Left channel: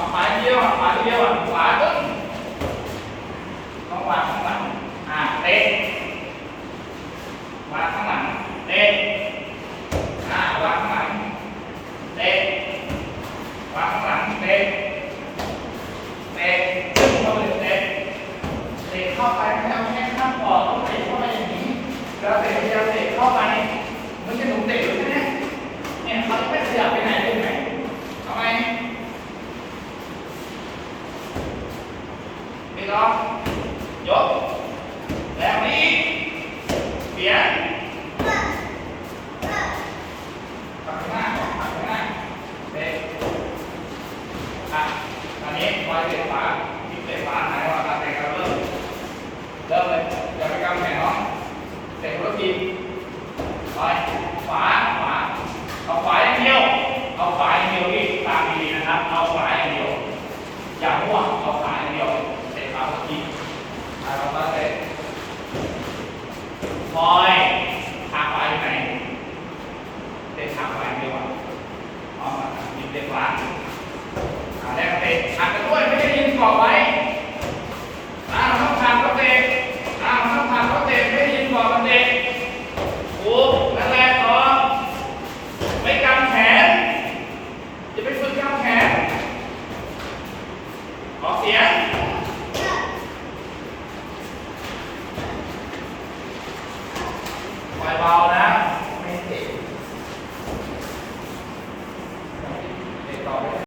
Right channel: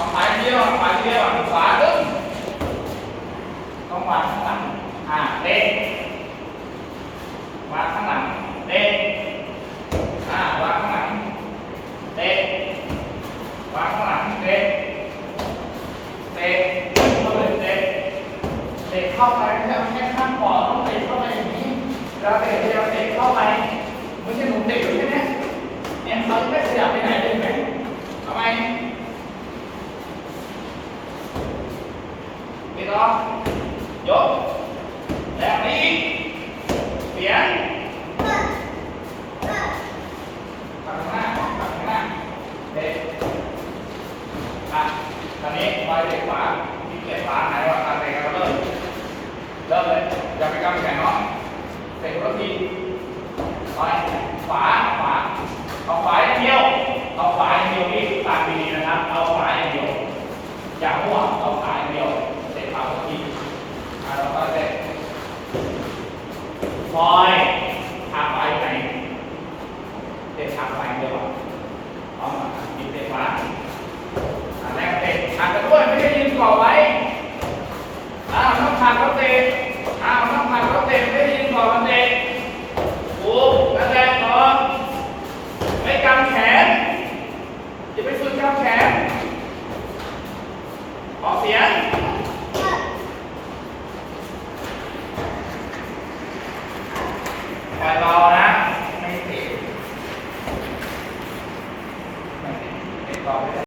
เอาขวาเดียวขวาเดียวขวาตึ้งต้องวางข้างหลัง อ่าเตะวางข้างหลังเตะอ่าวางข้างหลังเตะวางข้างหลังเตะเตะวิ่งเข้าไปเตะเตะเข้าไปไม่ใช่เอาแค่ข้างปอดต้องเตะเข้าไปอย่างนี้เวลาเตะเวลาเตะเข้าไปไม่ใช่หนูเตะอใช่ไหมเนี่ยเขาไม่ขยับไปไหนเลยเพี่น้องยกแรงนี้อีกเสียนขับข้างหน้าขับข้างหน้าเด็กอะตอนนี้คอยเตะขวาที่เตะขวาไหนว่าการเตะเราเริ่มเริ่มเลยอย่าไปกำแข่งน้องเตะรถทีคอยขวาขวาเอาขวาอย่เดียวเอาขวาอย่เดียวพี่ตามดีๆนะครับ เอาขวาอย่เดียวอย่ามั่วเอาขวา อยพาปอยไปเตะพาปอยเดียวกันพร้อมกันมีเตะฟ้าแรกเตะขาดกันด้วยไม่ได้ยินก่อไว้อ้าวต้องขาดเขาเตะอ้าวต้องขาดเขาเตะไม่ได้ยินกอมันเตะถูกนั่นแหละต่อไม่กันแขนจะไาไปฝึกกันแขนออกเสียง ปล่อยเบานะ ไม่ติดเป็นเบาไม่ได้